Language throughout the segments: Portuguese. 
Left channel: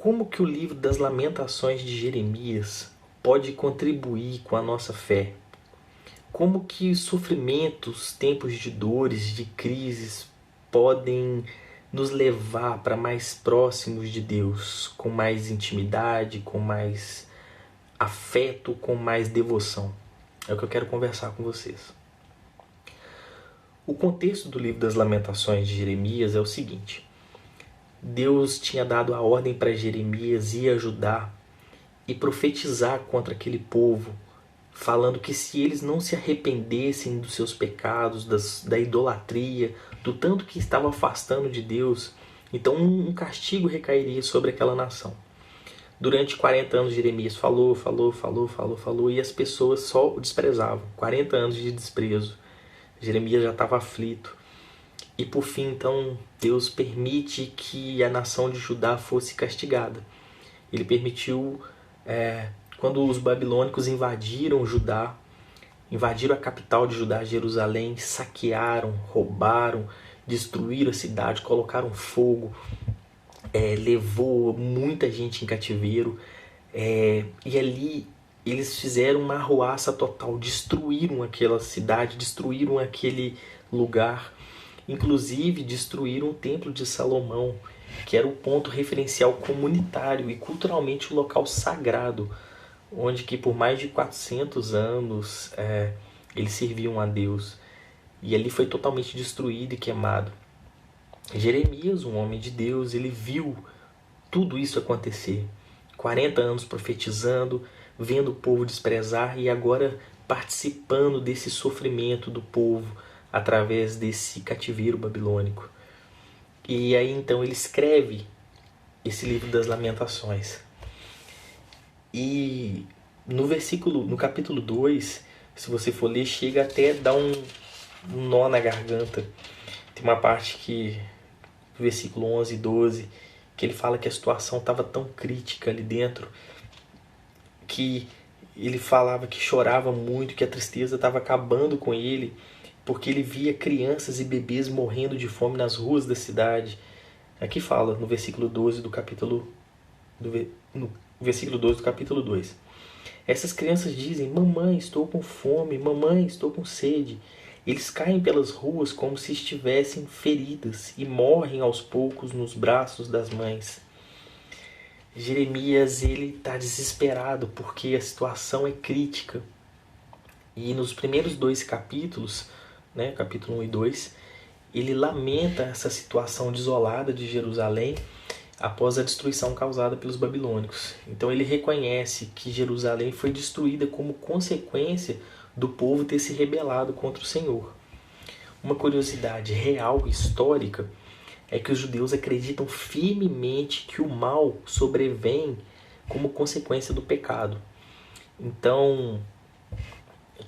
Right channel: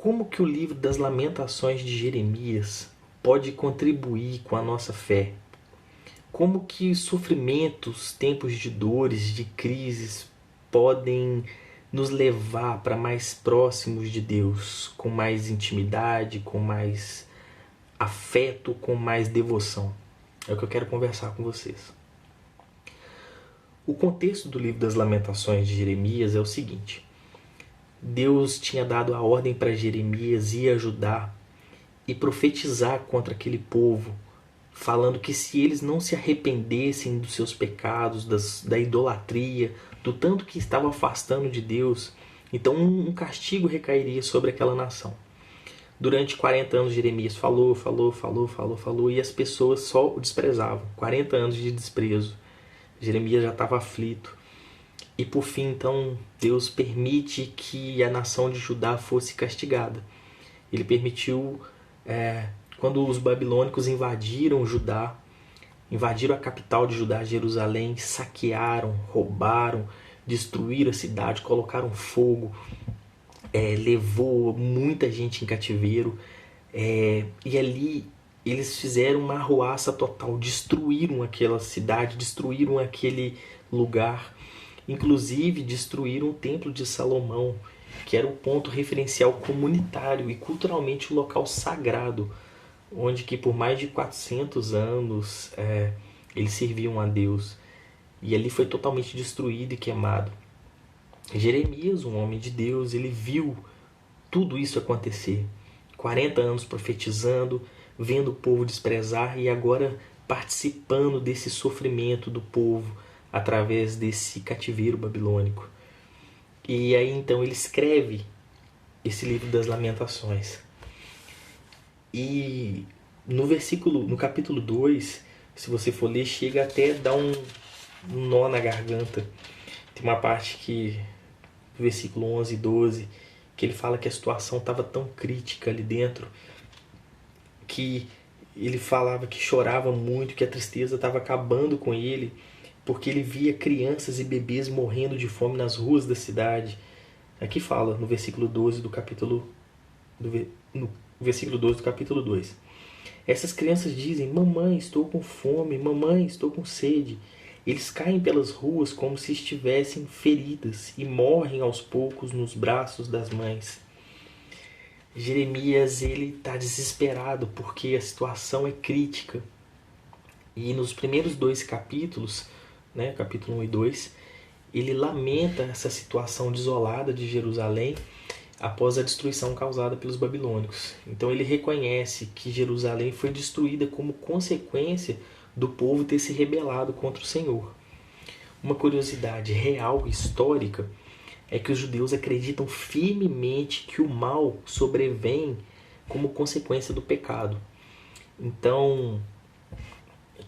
como que o livro das Lamentações de Jeremias pode contribuir com a nossa fé? Como que os sofrimentos, tempos de dores, de crises, podem nos levar para mais próximos de Deus, com mais intimidade, com mais afeto, com mais devoção? É o que eu quero conversar com vocês. O contexto do livro das Lamentações de Jeremias é o seguinte: Deus tinha dado a ordem para Jeremias ir ajudar e profetizar contra aquele povo, falando que se eles não se arrependessem dos seus pecados, da idolatria, do tanto que estavam afastando de Deus, então um castigo recairia sobre aquela nação. Durante 40 anos Jeremias falou, e as pessoas só o desprezavam. 40 anos de desprezo. Jeremias já estava aflito. E por fim, então, Deus permite que a nação de Judá fosse castigada. Ele permitiu, quando os babilônicos invadiram Judá, invadiram a capital de Judá, Jerusalém, saquearam, roubaram, destruíram a cidade, colocaram fogo, levou muita gente em cativeiro, e ali eles fizeram uma arruaça total, destruíram aquela cidade, destruíram aquele lugar, inclusive destruíram o templo de Salomão, que era o ponto referencial comunitário e culturalmente o local sagrado, onde que por mais de 400 anos eles serviam a Deus, e ali foi totalmente destruído e queimado. Jeremias, um homem de Deus, ele viu tudo isso acontecer. 40 anos profetizando, vendo o povo desprezar e agora participando desse sofrimento do povo através desse cativeiro babilônico. E aí então ele escreve esse livro das Lamentações. E no capítulo 2, se você for ler, chega até a dar um nó na garganta. Tem uma parte que, no versículo 11 e 12, que ele fala que a situação estava tão crítica ali dentro, que ele falava que chorava muito, que a tristeza estava acabando com ele, porque ele via crianças e bebês morrendo de fome nas ruas da cidade. Aqui fala, no versículo 12 do capítulo, no versículo 12 do capítulo 2. Essas crianças dizem: mamãe, estou com fome, mamãe, estou com sede. Eles caem pelas ruas como se estivessem feridas e morrem aos poucos nos braços das mães. Jeremias está desesperado porque a situação é crítica. E nos primeiros 2 capítulos, capítulo 1 e 2, ele lamenta essa situação desolada de Jerusalém após a destruição causada pelos babilônicos. Então ele reconhece que Jerusalém foi destruída como consequência do povo ter se rebelado contra o Senhor. Uma curiosidade real e histórica é que os judeus acreditam firmemente que o mal sobrevém como consequência do pecado. Então,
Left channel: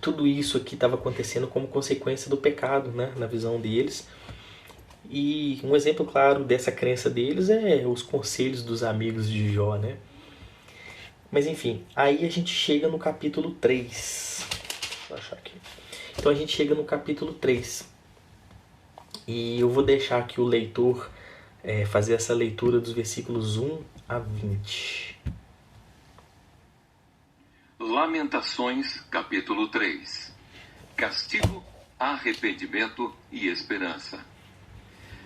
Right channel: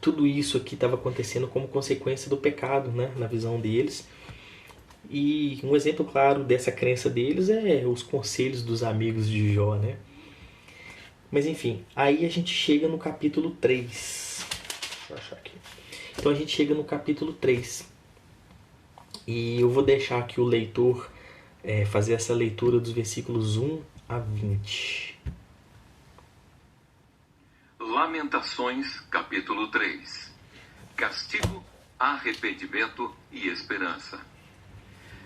tudo isso aqui estava acontecendo como consequência do pecado, na visão deles. E um exemplo claro dessa crença deles é os conselhos dos amigos de Jó, Mas enfim, aí a gente chega no capítulo 3. Deixa eu achar aqui. Então a gente chega no capítulo 3. E eu vou deixar aqui o leitor fazer essa leitura dos versículos 1 a 20. Lamentações, capítulo 3. Castigo, arrependimento e esperança.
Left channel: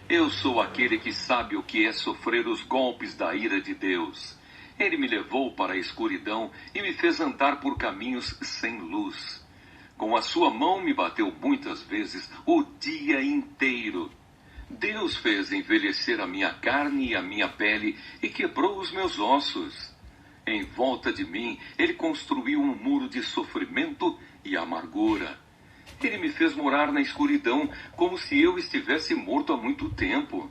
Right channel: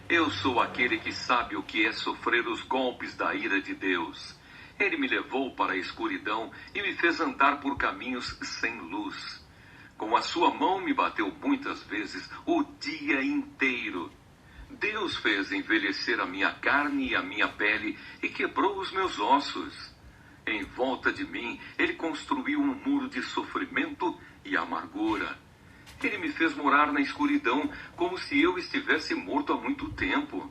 Eu sou aquele que sabe o que é sofrer os golpes da ira de Deus. Ele me levou para a escuridão e me fez andar por caminhos sem luz. Com a sua mão me bateu muitas vezes o dia inteiro. Deus fez envelhecer a minha carne e a minha pele e quebrou os meus ossos. Em volta de mim, ele construiu um muro de sofrimento e amargura. Ele me fez morar na escuridão como se eu estivesse morto há muito tempo.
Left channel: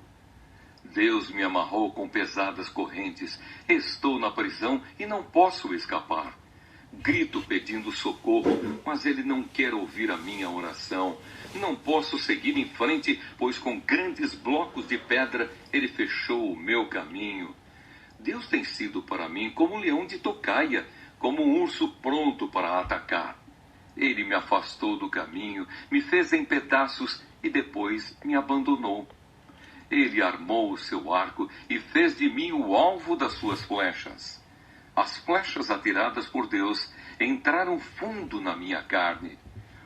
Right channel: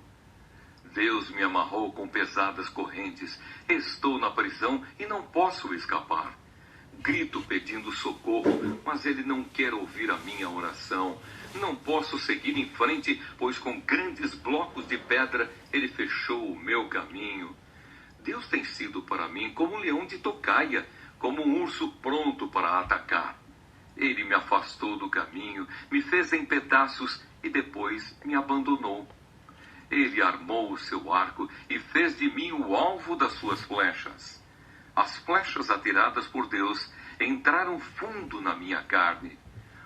Deus me amarrou com pesadas correntes. Estou na prisão e não posso escapar. Grito pedindo socorro, mas ele não quer ouvir a minha oração. Não posso seguir em frente, pois com grandes blocos de pedra ele fechou o meu caminho. Deus tem sido para mim como um leão de tocaia, como um urso pronto para atacar. Ele me afastou do caminho, me fez em pedaços e depois me abandonou. Ele armou o seu arco e fez de mim o alvo das suas flechas. As flechas atiradas por Deus entraram fundo na minha carne.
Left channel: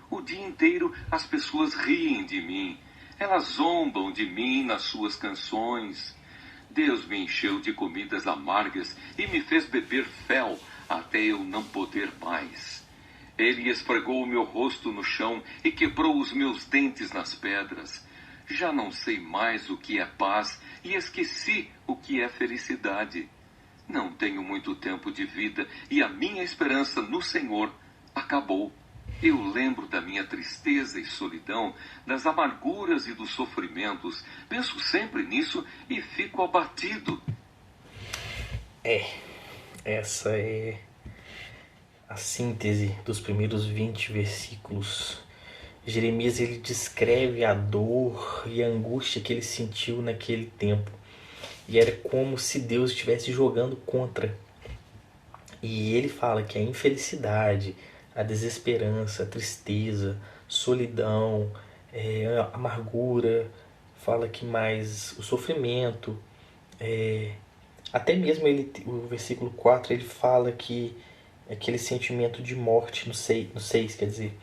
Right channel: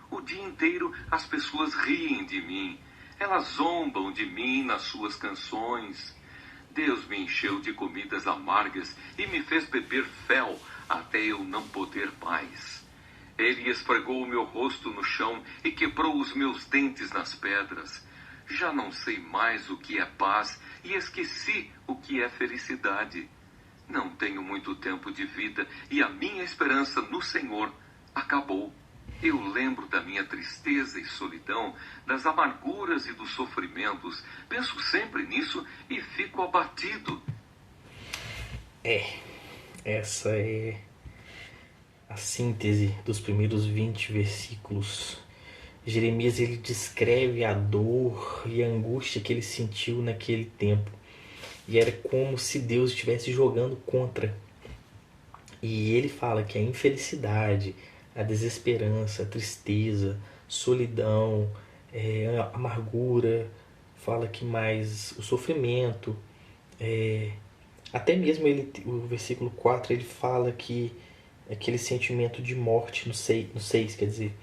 O dia inteiro as pessoas riem de mim. Elas zombam de mim nas suas canções. Deus me encheu de comidas amargas e me fez beber fel até eu não poder mais. Ele esfregou o meu rosto no chão e quebrou os meus dentes nas pedras. Já não sei mais o que é paz e esqueci o que é felicidade. Não tenho muito tempo de vida e a minha esperança no Senhor acabou. Eu lembro da minha tristeza e solidão, das amarguras e dos sofrimentos. Penso sempre nisso e fico abatido. Essa é a síntese dos primeiros 20 versículos. Jeremias, ele descreve a dor e a angústia que ele sentiu naquele tempo. E era como se Deus estivesse jogando contra. E ele fala que a infelicidade, a desesperança, a tristeza, solidão, a amargura, fala que mais o sofrimento, até mesmo o versículo 4, ele fala que aquele sentimento de morte no 6, quer dizer,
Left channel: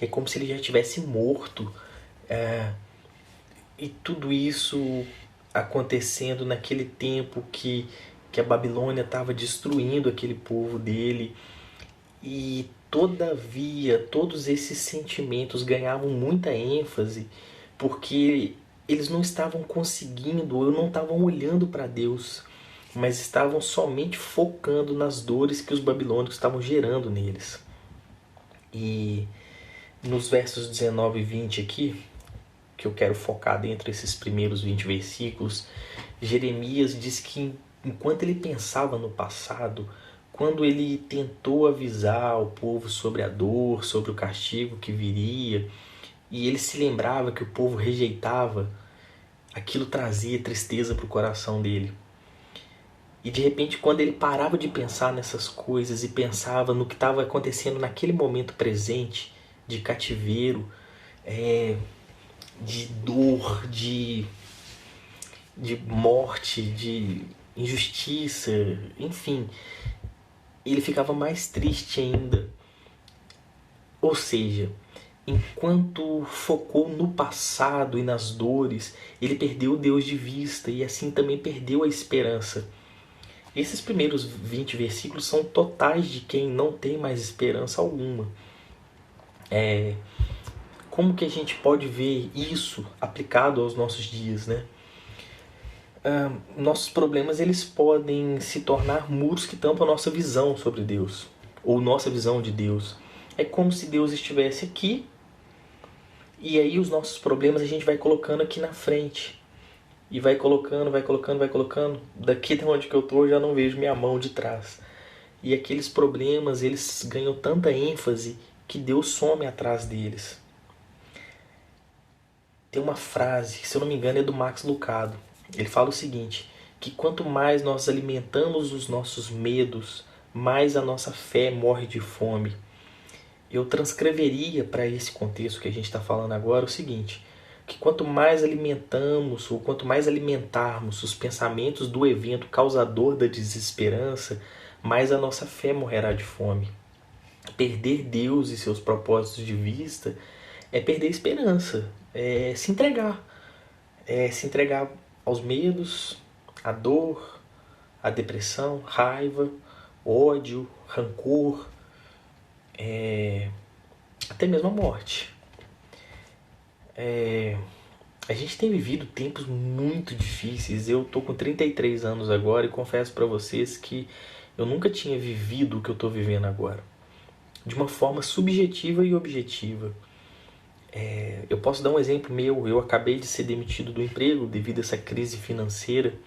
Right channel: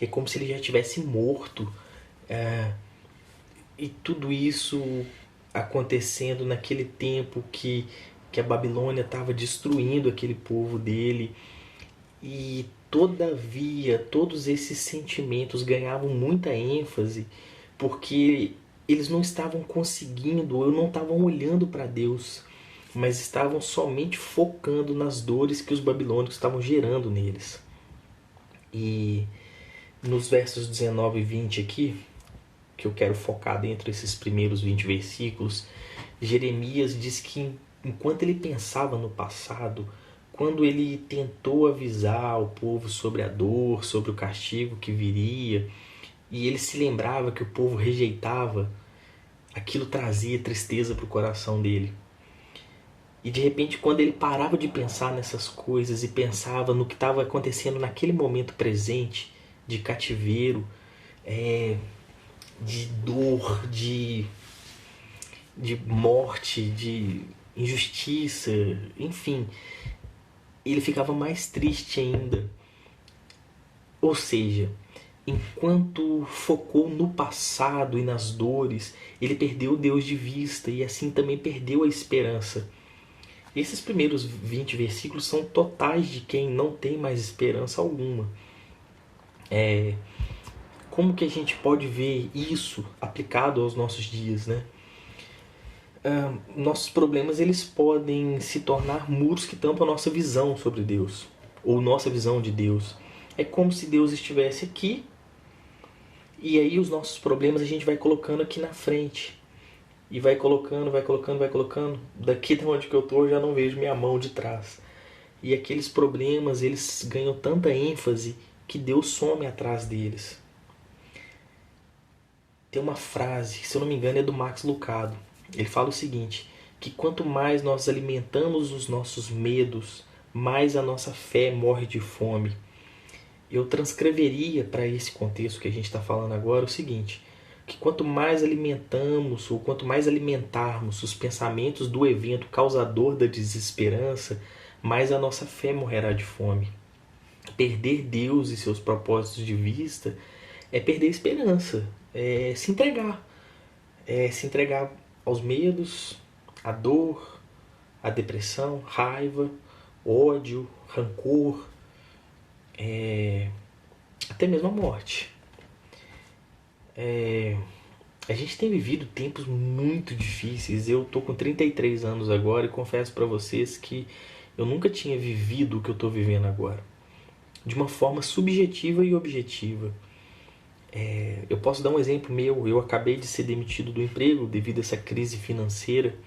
é como se ele já tivesse morto, e tudo isso acontecendo naquele tempo que a Babilônia estava destruindo aquele povo dele. E todavia todos esses sentimentos ganhavam muita ênfase porque eles não estavam conseguindo, ou não estavam olhando para Deus, mas estavam somente focando nas dores que os babilônicos estavam gerando neles. E nos versos 19 e 20 aqui, que eu quero focar dentro desses primeiros 20 versículos, Jeremias diz que enquanto ele pensava no passado, quando ele tentou avisar o povo sobre a dor, sobre o castigo que viria, e ele se lembrava que o povo rejeitava, aquilo trazia tristeza para o coração dele. E de repente, quando ele parava de pensar nessas coisas e pensava no que estava acontecendo naquele momento presente, de cativeiro, de dor, de morte, de injustiça, enfim, ele ficava mais triste ainda. Ou seja, enquanto focou no passado e nas dores, ele perdeu Deus de vista e assim também perdeu a esperança. Esses primeiros 20 versículos são totais de quem não tem mais esperança alguma. Como que a gente pode ver isso aplicado aos nossos dias, né? Nossos problemas, eles podem se tornar muros que tampam a nossa visão sobre Deus, ou nossa visão de Deus. É como se Deus estivesse aqui, e aí os nossos problemas a gente vai colocando aqui na frente. E vai colocando, vai colocando, vai colocando. Daqui de onde que eu estou, eu já não vejo minha mão de trás. E aqueles problemas, eles ganham tanta ênfase que Deus some atrás deles. Tem uma frase, se eu não me engano, é do Max Lucado. Ele fala o seguinte, que quanto mais nós alimentamos os nossos medos, mais a nossa fé morre de fome. Eu transcreveria para esse contexto que a gente está falando agora o seguinte, que quanto mais alimentamos, ou quanto mais alimentarmos os pensamentos do evento causador da desesperança, mais a nossa fé morrerá de fome. Perder Deus e seus propósitos de vista é perder a esperança, é se entregar. É se entregar aos medos, à dor, à depressão, raiva, ódio, rancor, até mesmo a morte. A gente tem vivido tempos muito difíceis. Eu tô com 33 anos agora e confesso para vocês que eu nunca tinha vivido o que eu tô vivendo agora, de uma forma subjetiva e objetiva. Eu posso dar um exemplo meu. Eu acabei de ser demitido do emprego devido a essa crise financeira.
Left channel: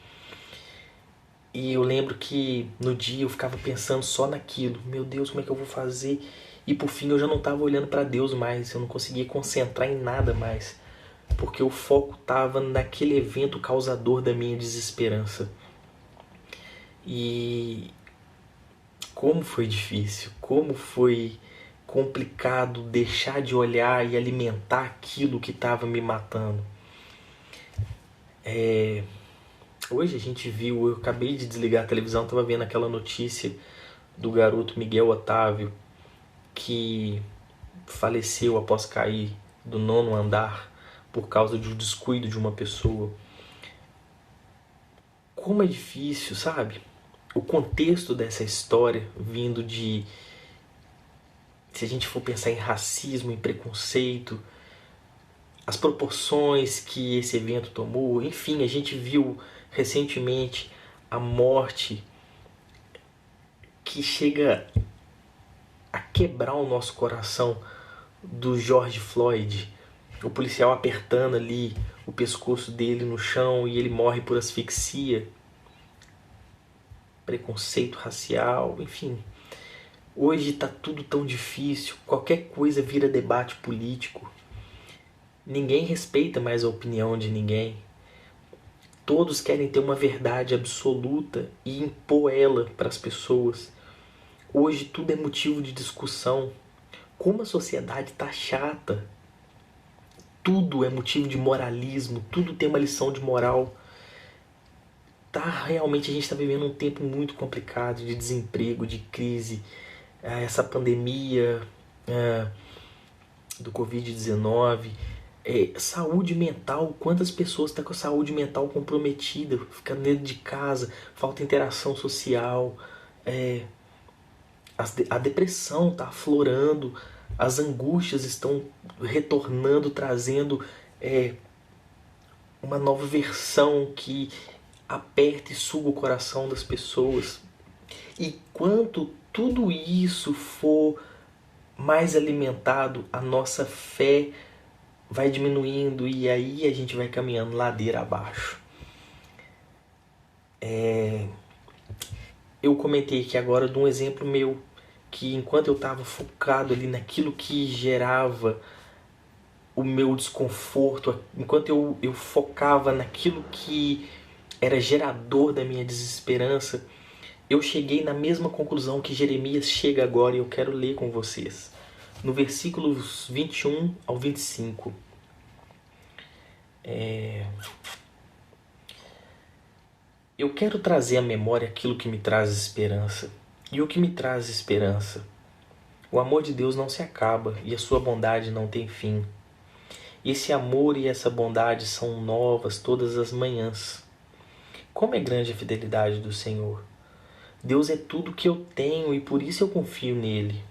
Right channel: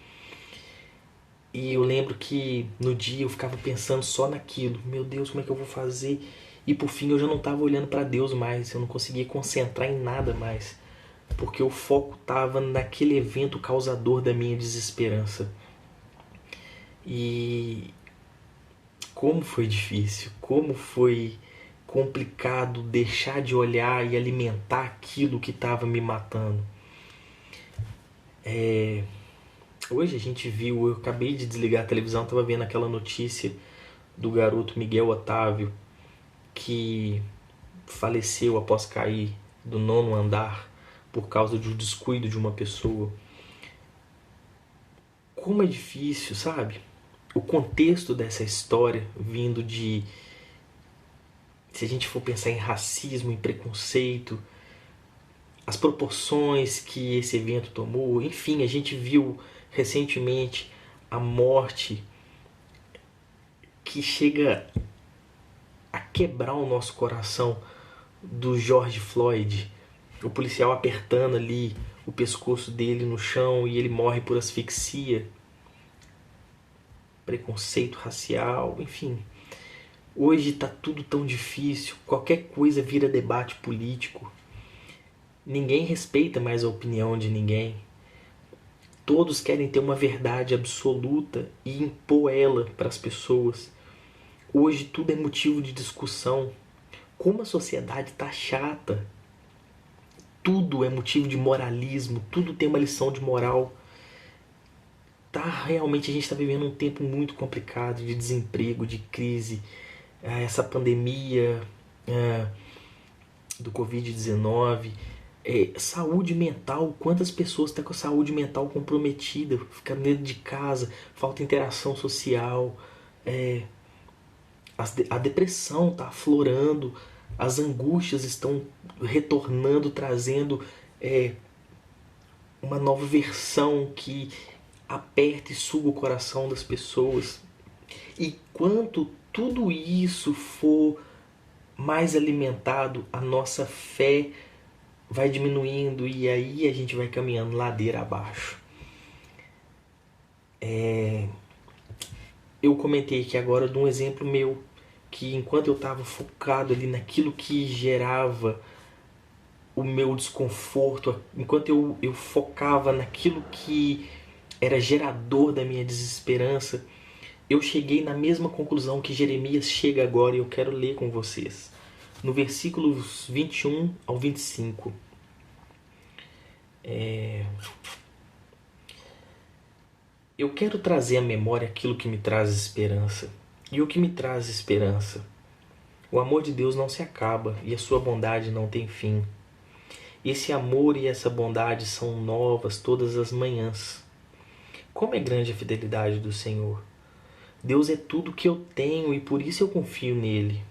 E eu lembro que no dia eu ficava pensando só naquilo. Meu Deus, como é que eu vou fazer? E por fim eu já não estava olhando para Deus mais. Eu não conseguia concentrar em nada mais. Porque o foco estava naquele evento causador da minha desesperança. E como foi difícil, como foi complicado deixar de olhar e alimentar aquilo que estava me matando. Hoje a gente viu, eu acabei de desligar a televisão, estava vendo aquela notícia do garoto Miguel Otávio, que faleceu após cair do 9º andar por causa do descuido de uma pessoa. Como é difícil, sabe? O contexto dessa história vindo de... Se a gente for pensar em racismo, em preconceito, as proporções que esse evento tomou, enfim, a gente viu recentemente a morte que chega a quebrar o nosso coração do George Floyd, o policial apertando ali o pescoço dele no chão e ele morre por asfixia, preconceito racial, enfim. Hoje está tudo tão difícil, qualquer coisa vira debate político. Ninguém respeita mais a opinião de ninguém. Todos querem ter uma verdade absoluta e impor ela para as pessoas. Hoje tudo é motivo de discussão. Como a sociedade está chata. Tudo é motivo de moralismo, tudo tem uma lição de moral. Realmente a gente está vivendo um tempo muito complicado de desemprego, de crise. Essa pandemia do Covid-19, saúde mental, quantas pessoas estão com a saúde mental comprometida, ficando dentro de casa, falta interação social, a depressão está aflorando, as angústias estão retornando, trazendo uma nova versão que aperta e suga o coração das pessoas. E quanto tudo isso for mais alimentado, a nossa fé vai diminuindo e aí a gente vai caminhando ladeira abaixo. Eu comentei aqui agora de um exemplo meu, que enquanto eu estava focado ali naquilo que gerava o meu desconforto, enquanto eu focava naquilo que era gerador da minha desesperança, eu cheguei na mesma conclusão que Jeremias chega agora e eu quero ler com vocês. No versículos 21 ao 25. Eu quero trazer à memória aquilo que me traz esperança. E o que me traz esperança? O amor de Deus não se acaba e a sua bondade não tem fim. Esse amor e essa bondade são novas todas as manhãs. Como é grande a fidelidade do Senhor! Deus é tudo que eu tenho e por isso eu confio nele.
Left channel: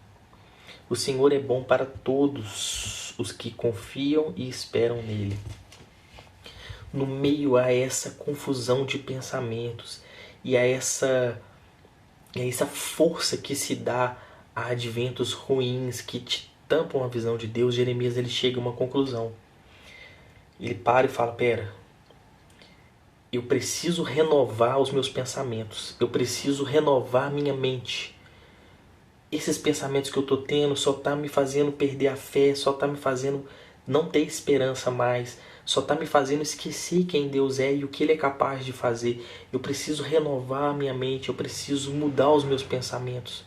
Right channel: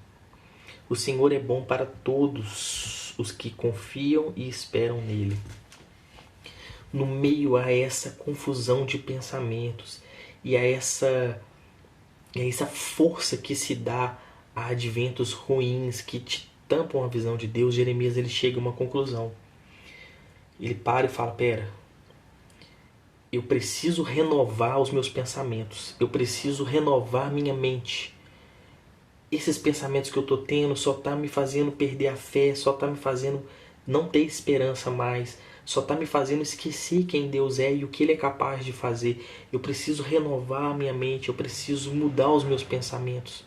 O Senhor é bom para todos os que confiam e esperam nele. No meio a essa confusão de pensamentos e a essa força que se dá a adventos ruins que te tampam a visão de Deus, Jeremias ele chega a uma conclusão. Ele para e fala, eu preciso renovar os meus pensamentos, eu preciso renovar minha mente. Esses pensamentos que eu estou tendo só está me fazendo perder a fé, só está me fazendo não ter esperança mais, só está me fazendo esquecer quem Deus é e o que Ele é capaz de fazer. Eu preciso renovar a minha mente, eu preciso mudar os meus pensamentos.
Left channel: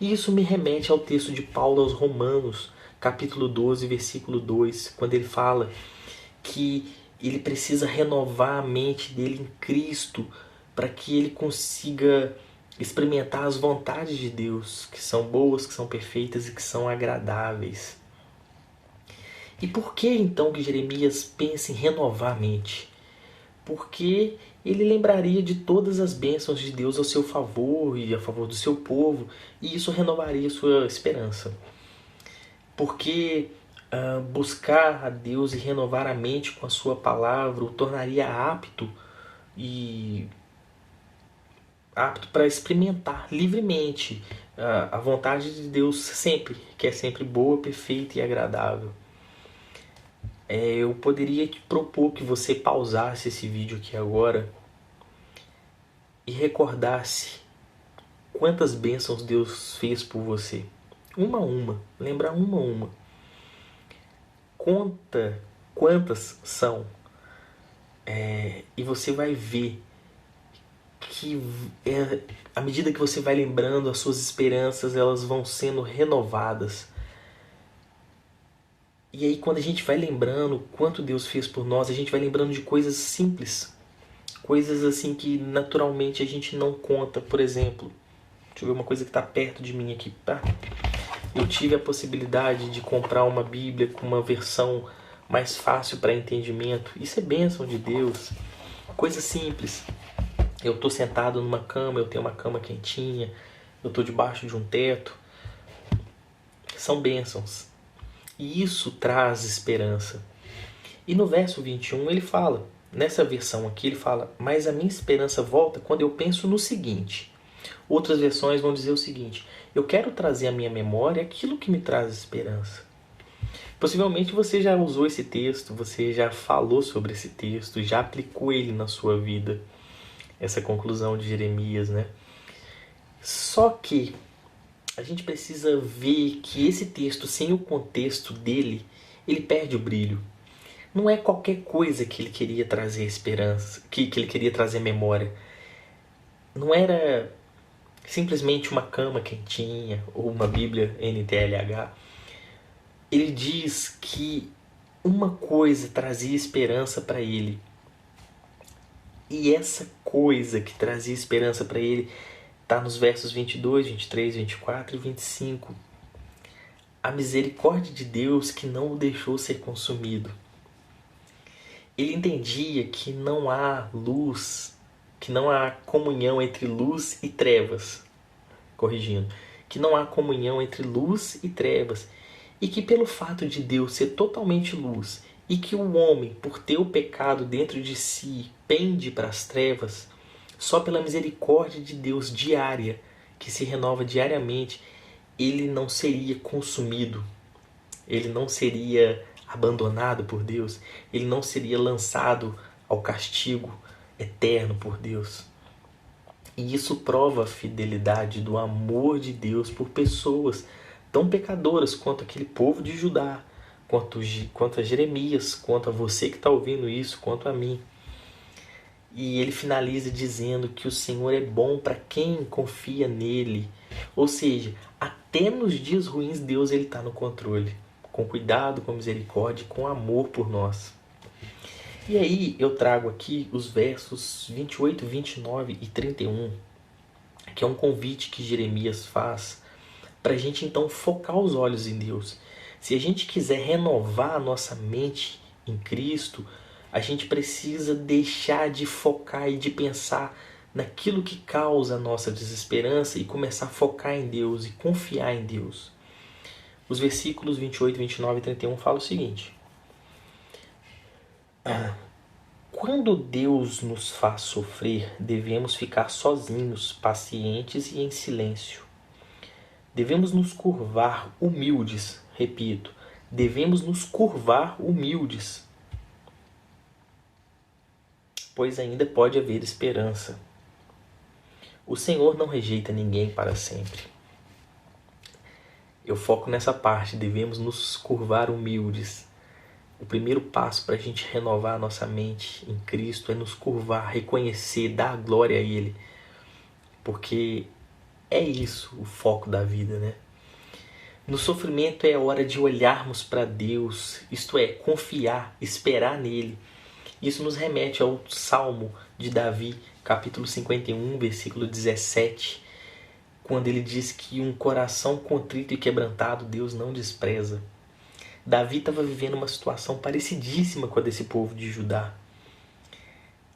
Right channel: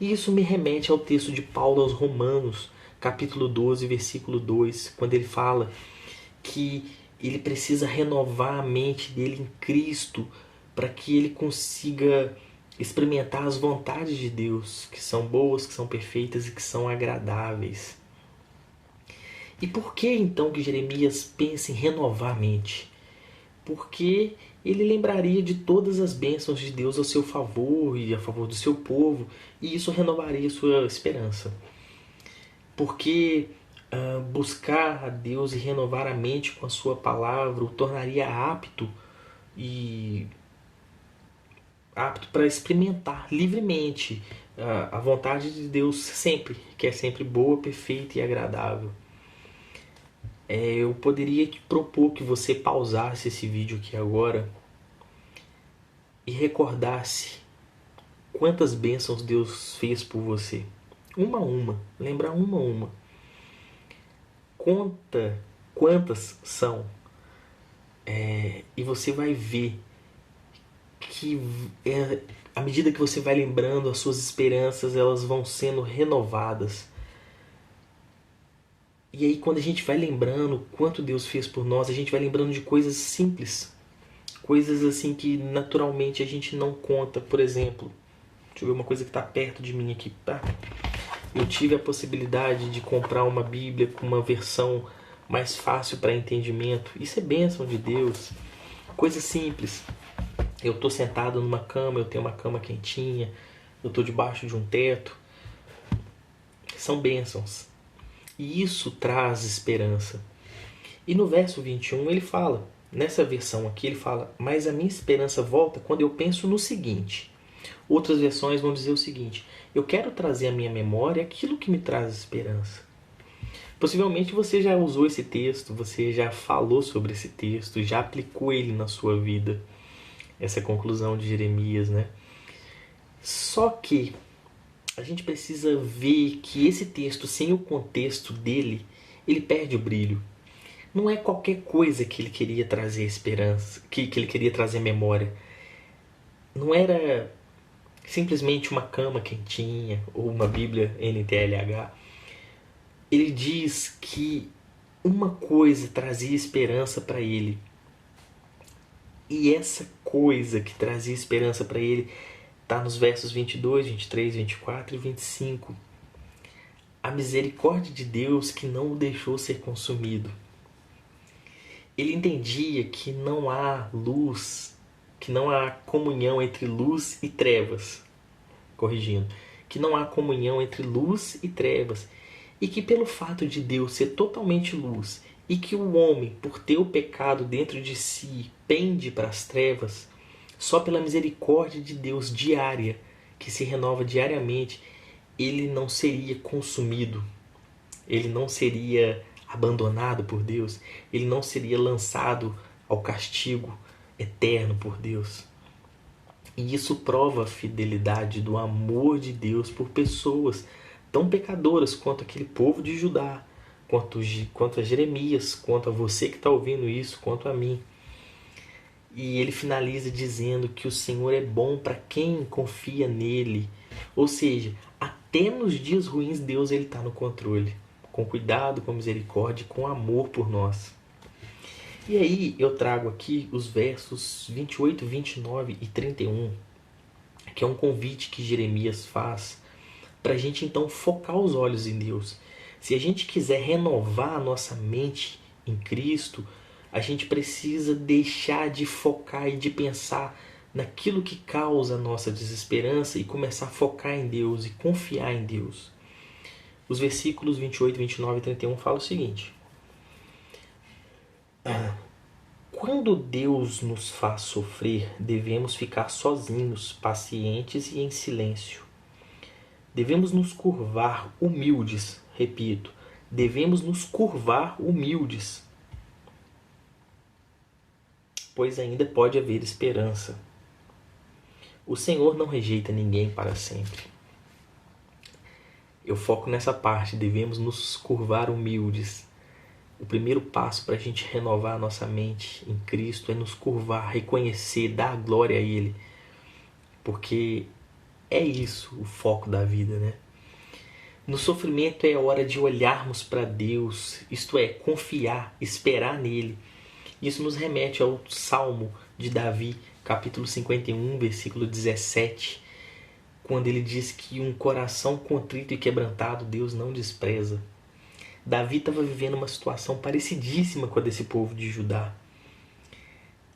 E isso me remete ao texto de Paulo aos Romanos, capítulo 12, versículo 2, quando ele fala que ele precisa renovar a mente dele em Cristo para que ele consiga experimentar as vontades de Deus, que são boas, que são perfeitas e que são agradáveis. E por que então que Jeremias pensa em renovar a mente? Porque ele lembraria de todas as bênçãos de Deus ao seu favor e a favor do seu povo, e isso renovaria sua esperança. Porque buscar a Deus e renovar a mente com a sua palavra o tornaria apto para experimentar livremente a vontade de Deus sempre, que é sempre boa, perfeita e agradável. Eu poderia te propor que você pausasse esse vídeo aqui agora e recordasse quantas bênçãos Deus fez por você. Uma a uma, lembrar uma a uma. Conta quantas são e você vai ver que à medida que você vai lembrando, as suas esperanças elas vão sendo renovadas. E aí quando a gente vai lembrando quanto Deus fez por nós, a gente vai lembrando de coisas simples, Coisas assim que naturalmente a gente não conta. Por exemplo, deixa eu ver uma coisa que está perto de mim aqui, tá? Eu tive a possibilidade de comprar uma Bíblia com uma versão mais fácil para entendimento. Isso é bênção de Deus. Coisa simples. Eu estou sentado numa cama, eu tenho uma cama quentinha, eu estou debaixo de um teto. São bênçãos. E isso traz esperança. E no verso 21 ele fala, nessa versão aqui ele fala, mas a minha esperança volta quando eu penso no seguinte. Outras versões vão dizer o seguinte, eu quero trazer à minha memória aquilo que me traz esperança. Possivelmente você já usou esse texto, você já falou sobre esse texto, já aplicou ele na sua vida. Essa conclusão de Jeremias, né? Só que a gente precisa ver que esse texto, sem o contexto dele, ele perde o brilho. Não é qualquer coisa que ele queria trazer esperança, que ele queria trazer memória. Não era simplesmente uma cama quentinha ou uma Bíblia NTLH. Ele diz que uma coisa trazia esperança para ele. E essa coisa que trazia esperança para ele está nos versos 22, 23, 24 e 25. A misericórdia de Deus que não o deixou ser consumido. Ele entendia que não há luz, que não há comunhão entre luz e trevas. Corrigindo. Que não há comunhão entre luz e trevas. E que pelo fato de Deus ser totalmente luz e que o homem, por ter o pecado dentro de si, pende para as trevas, só pela misericórdia de Deus diária, que se renova diariamente, ele não seria consumido, ele não seria abandonado por Deus, ele não seria lançado ao castigo eterno por Deus. E isso prova a fidelidade do amor de Deus por pessoas tão pecadoras quanto aquele povo de Judá, quanto a Jeremias, quanto a você que está ouvindo isso, quanto a mim. E ele finaliza dizendo que o Senhor é bom para quem confia nele. Ou seja, até nos dias ruins Deus está no controle, com cuidado, com misericórdia, com amor por nós. E aí eu trago aqui os versos 28, 29 e 31, que é um convite que Jeremias faz para a gente então focar os olhos em Deus. Se a gente quiser renovar a nossa mente em Cristo, a gente precisa deixar de focar e de pensar naquilo que causa a nossa desesperança e começar a focar em Deus e confiar em Deus. Os versículos 28, 29 e 31 falam o seguinte. Quando Deus nos faz sofrer, devemos ficar sozinhos, pacientes e em silêncio. Devemos nos curvar humildes, repito, devemos nos curvar humildes, pois ainda pode haver esperança. O Senhor não rejeita ninguém para sempre. Eu foco nessa parte, devemos nos curvar humildes. O primeiro passo para a gente renovar a nossa mente em Cristo é nos curvar, reconhecer, dar glória a Ele. Porque é isso o foco da vida, né? No sofrimento é hora de olharmos para Deus, isto é, confiar, esperar nele. Isso nos remete ao Salmo de Davi, capítulo 51, versículo 17, quando ele diz que um coração contrito e quebrantado Deus não despreza. Davi estava vivendo uma situação parecidíssima com a desse povo de Judá.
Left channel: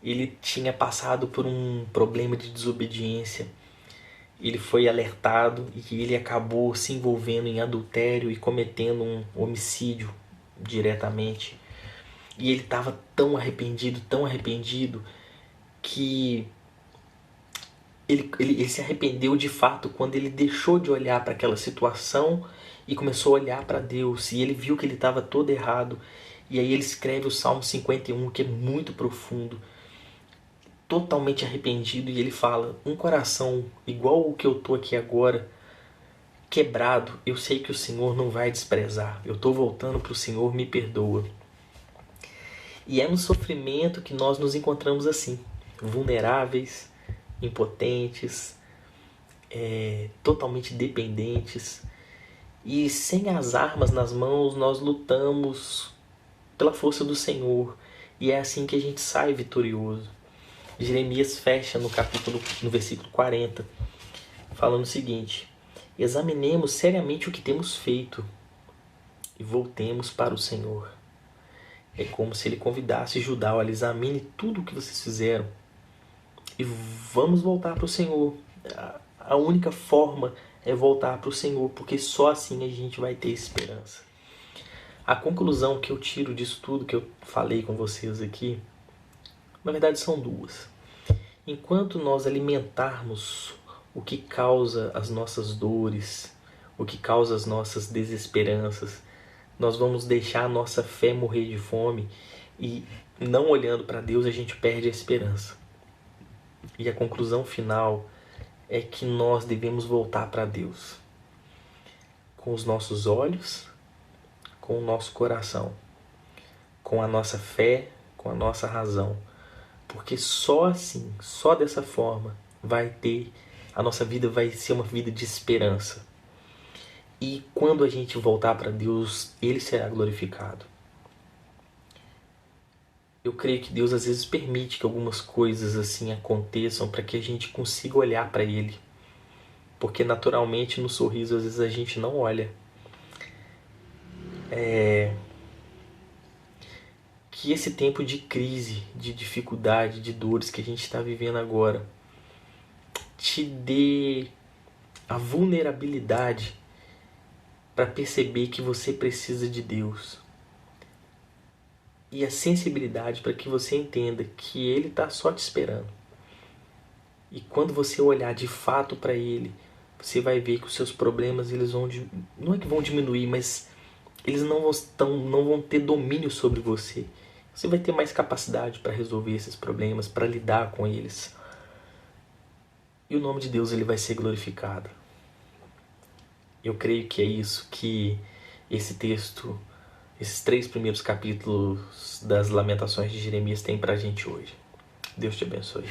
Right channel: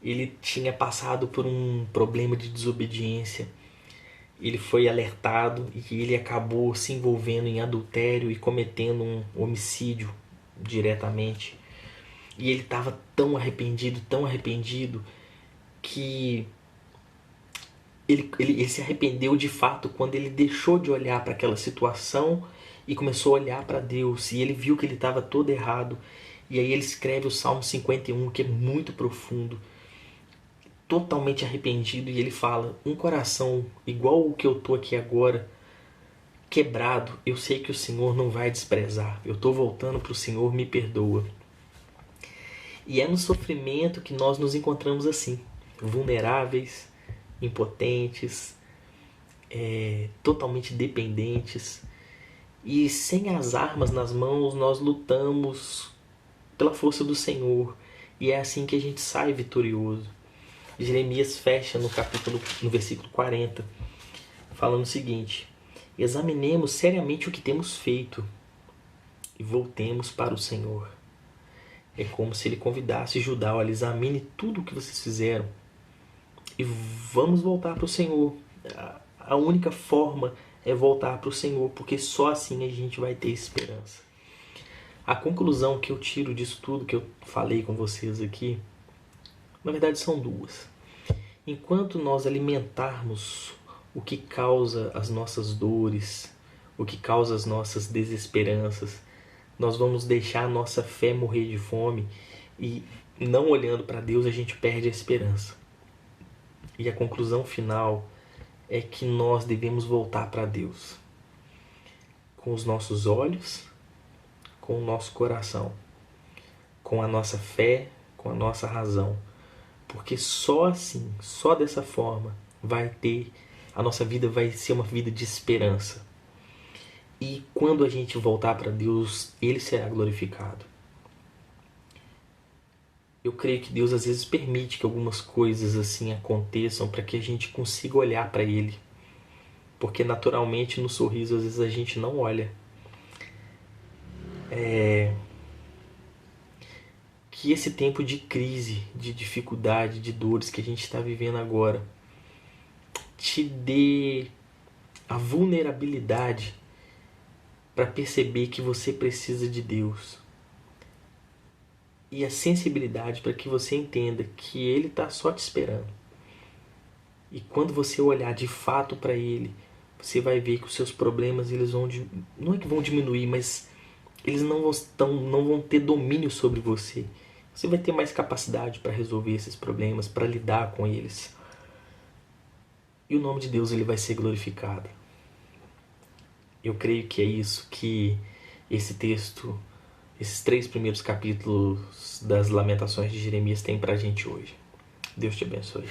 Ele tinha passado por um problema de desobediência. Ele foi alertado e ele acabou se envolvendo em adultério e cometendo um homicídio diretamente. E ele estava tão arrependido, que ele se arrependeu de fato quando ele deixou de olhar para aquela situação e começou a olhar para Deus. E ele viu que ele estava todo errado. E aí ele escreve o Salmo 51, que é muito profundo, totalmente arrependido. E ele fala, um coração igual o que eu estou aqui agora, quebrado, eu sei que o Senhor não vai desprezar. Eu estou voltando para o Senhor, me perdoa. E é no sofrimento que nós nos encontramos assim, vulneráveis, impotentes, totalmente dependentes. E sem as armas nas mãos, nós lutamos pela força do Senhor. E é assim que a gente sai vitorioso. Jeremias fecha no versículo 40, falando o seguinte: examinemos seriamente o que temos feito e voltemos para o Senhor. É como se ele convidasse Judá: olha, examine tudo o que vocês fizeram e vamos voltar para o Senhor. A única forma é voltar para o Senhor, porque só assim a gente vai ter esperança. A conclusão que eu tiro disso tudo que eu falei com vocês aqui, na verdade são duas. Enquanto nós alimentarmos o que causa as nossas dores, o que causa as nossas desesperanças, nós vamos deixar a nossa fé morrer de fome e, não olhando para Deus, a gente perde a esperança. E a conclusão final é que nós devemos voltar para Deus com os nossos olhos, com o nosso coração, com a nossa fé, com a nossa razão. Porque só assim, só dessa forma, a nossa vida vai ser uma vida de esperança. E quando a gente voltar para Deus, Ele será glorificado. Eu creio que Deus às vezes permite que algumas coisas assim aconteçam para que a gente consiga olhar para Ele. Porque naturalmente no sorriso às vezes a gente não olha. Que esse tempo de crise, de dificuldade, de dores que a gente está vivendo agora te dê a vulnerabilidade para perceber que você precisa de Deus. E a sensibilidade para que você entenda que Ele está só te esperando. E quando você olhar de fato para Ele, você vai ver que os seus problemas, eles não é que vão diminuir, mas eles não vão ter domínio sobre você. Você vai ter mais capacidade para resolver esses problemas, para lidar com eles. E o nome de Deus ele vai ser glorificado. Eu creio que é isso que esse texto, esses 3 primeiros capítulos das Lamentações de Jeremias tem para a gente hoje. Deus te abençoe.